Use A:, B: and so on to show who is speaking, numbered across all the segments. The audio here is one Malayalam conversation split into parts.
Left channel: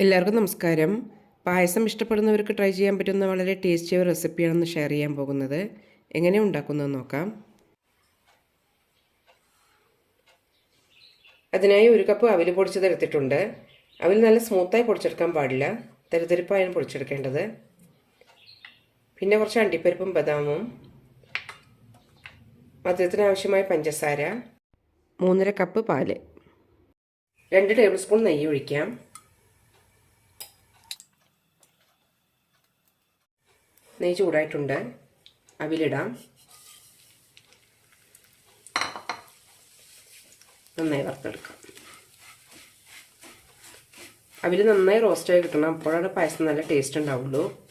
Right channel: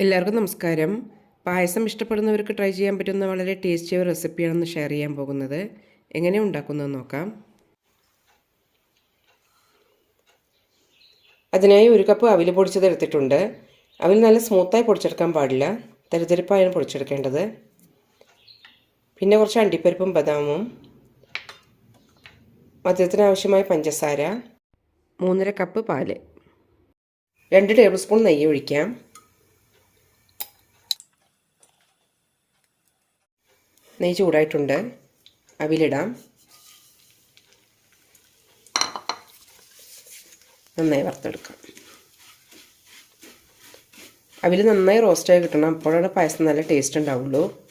A: എല്ലാവർക്കും നമസ്കാരം. പായസം ഇഷ്ടപ്പെടുന്നവർക്ക് ട്രൈ ചെയ്യാൻ പറ്റുന്ന വളരെ ടേസ്റ്റിയ റെസിപ്പിയാണെന്ന് ഷെയർ ചെയ്യാൻ പോകുന്നത്. എങ്ങനെ ഉണ്ടാക്കുന്നതെന്ന് നോക്കാം. അതിനായി ഒരു കപ്പ് അവിൽ പൊടിച്ചത് എടുത്തിട്ടുണ്ട്. അവിൽ നല്ല സ്മൂത്തായി പൊടിച്ചെടുക്കാൻ പാടില്ല. തരുതരിപ്പായാണ് പൊടിച്ചെടുക്കേണ്ടത്. പിന്നെ കുറച്ച് അണ്ടിപ്പരിപ്പും ബദാമും. മധുരത്തിന് ആവശ്യമായ പഞ്ചസാര. മൂന്നര കപ്പ് പാൽ. രണ്ട് ടേബിൾ സ്പൂൺ നെയ്യ് ഒഴിക്കാം. നെയ്യ് ചൂടായിട്ടുണ്ട്. അവിലിടാം. നന്നായി വറുത്തെടുക്കാം. അവിൽ നന്നായി റോസ്റ്റായി കിട്ടണം. അപ്പോഴാണ് പായസം നല്ല ടേസ്റ്റ് ഉണ്ടാവുള്ളൂ.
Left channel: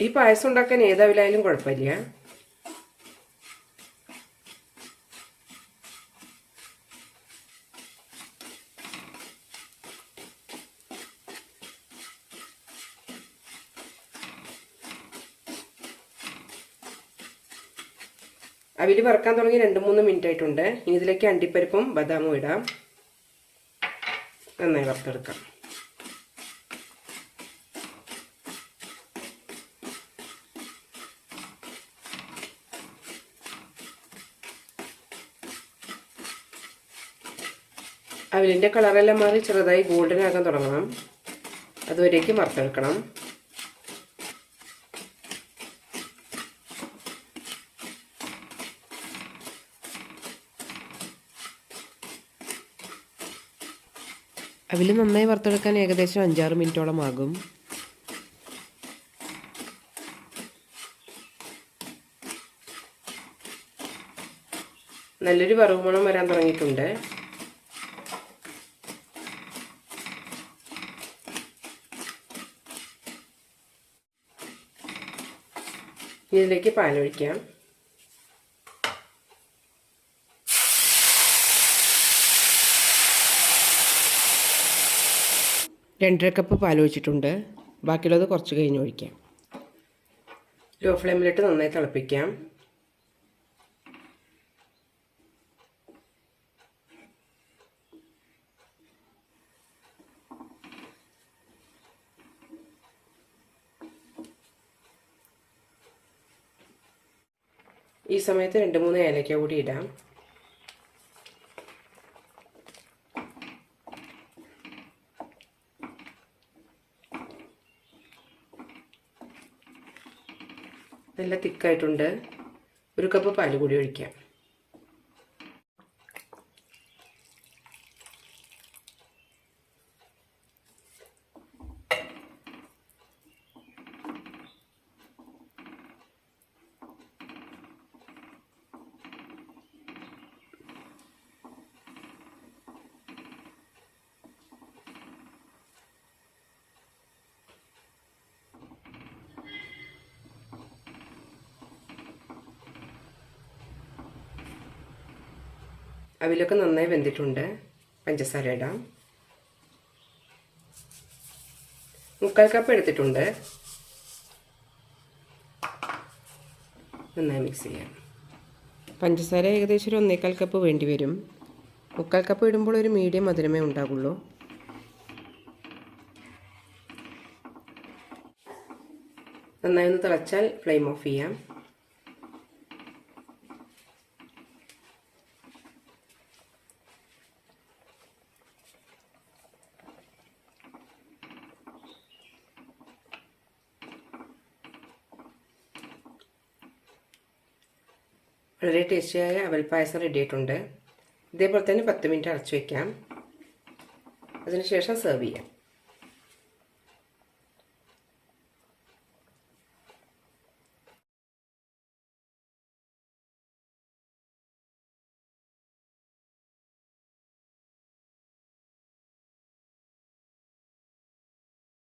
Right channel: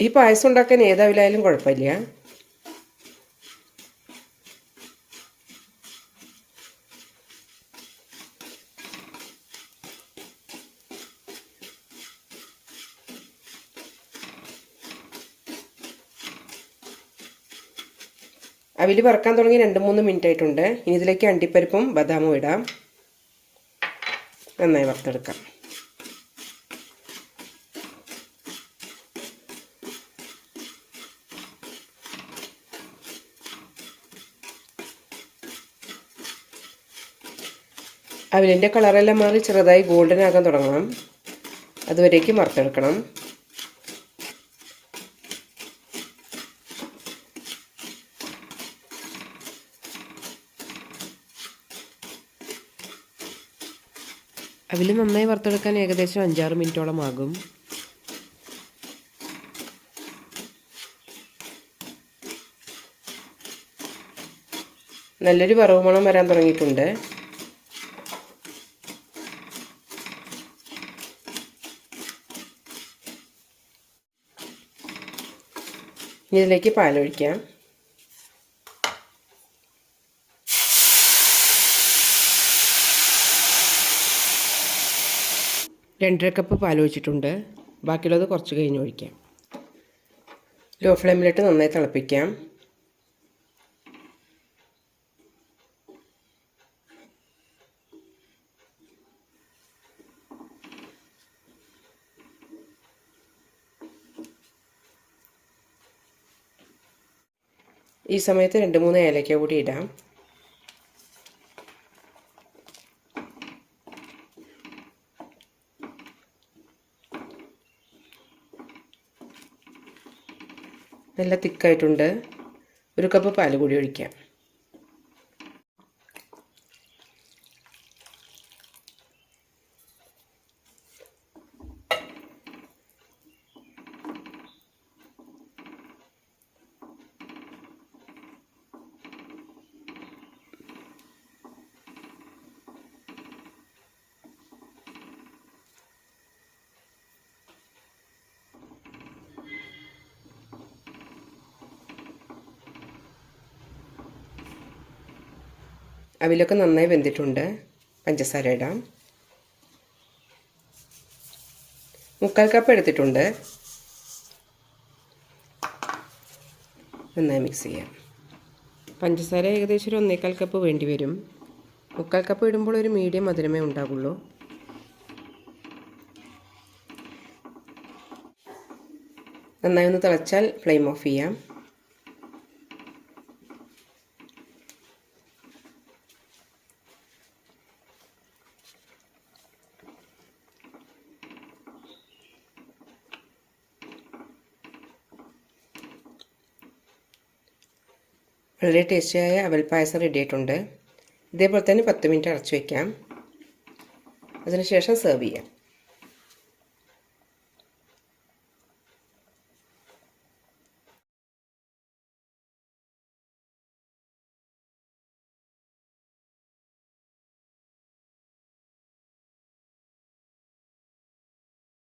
A: ഈ പായസം ഉണ്ടാക്കാൻ ഏതവിലായാലും കുഴപ്പമില്ല. അവിൽ വറക്കാൻ തുടങ്ങി രണ്ട് മൂന്ന് മിനിറ്റ് ആയിട്ടുണ്ട്. ഇനി ഇതിലേക്ക് അണ്ടിപ്പരിപ്പും ബദാമും ഇടാം. നന്നായി വറുത്തെടുക്കാം. അവിലിന്റെ കളറെല്ലാം മാറി ചെറുതായി ഗോൾഡൻ ആകാൻ തുടങ്ങണം. അതുവരേക്കും വറുത്തെടുക്കണം. അവിൽ നന്നായി വറുത്തെടുക്കാൻ ഏകദേശം അഞ്ചാറ് മിനിറ്റോളം ആകും. നല്ലൊരു വറവ് മണം വരാൻ തുടങ്ങിയിട്ടുണ്ട്. ഇതിലേക്ക് പാലൊഴിക്കാം. രണ്ടര കപ്പ് പാൽ ഒഴിച്ചിട്ടുണ്ട്. ബാക്കിയുള്ളത് കുറച്ച് കഴിഞ്ഞ് ഒഴിക്കാം. ലോ ഫ്ലെയിമിലിട്ട് നന്നായി തിളപ്പിക്കാം. ഈ സമയത്ത് രണ്ട് മൂന്ന് ഏലക്ക കൂടി ഇടാം. നല്ല തിക്കായിട്ടുണ്ട്. ഒരു കപ്പ് പാൽ കൂടി ഒഴിക്കാം. അവിലൊക്കെ നന്നായി വെന്തിട്ടുണ്ട്. പഞ്ചസാര ഇടാം. മുക്കാൽ കപ്പ് എടുത്തിട്ടുണ്ട്. നന്നായി മിക്സ് ചെയ്യാം. പഞ്ചസാര ഏകദേശം ഒരു ഒന്നേക്കാൽ കപ്പ് വേണ്ടി വരും. മുക്കാൽ കപ്പ് ഇടുമ്പോൾ ഒരു മീഡിയം മധുരമേ ഉണ്ടാകുള്ളൂ നന്നായി ഒന്ന് തിളച്ചാൽ ഫ്ലെയിം ഓഫ് ചെയ്യാം. വളരെ ടേസ്റ്റിയായ അവൽ പായസം റെഡി ആയിട്ടുണ്ട്. ഇതേപോലെ തന്നെ പത്ത് മിനിറ്റ് അടച്ചു വയ്ക്കാം അതിനുശേഷം സെർവ് ചെയ്യാം.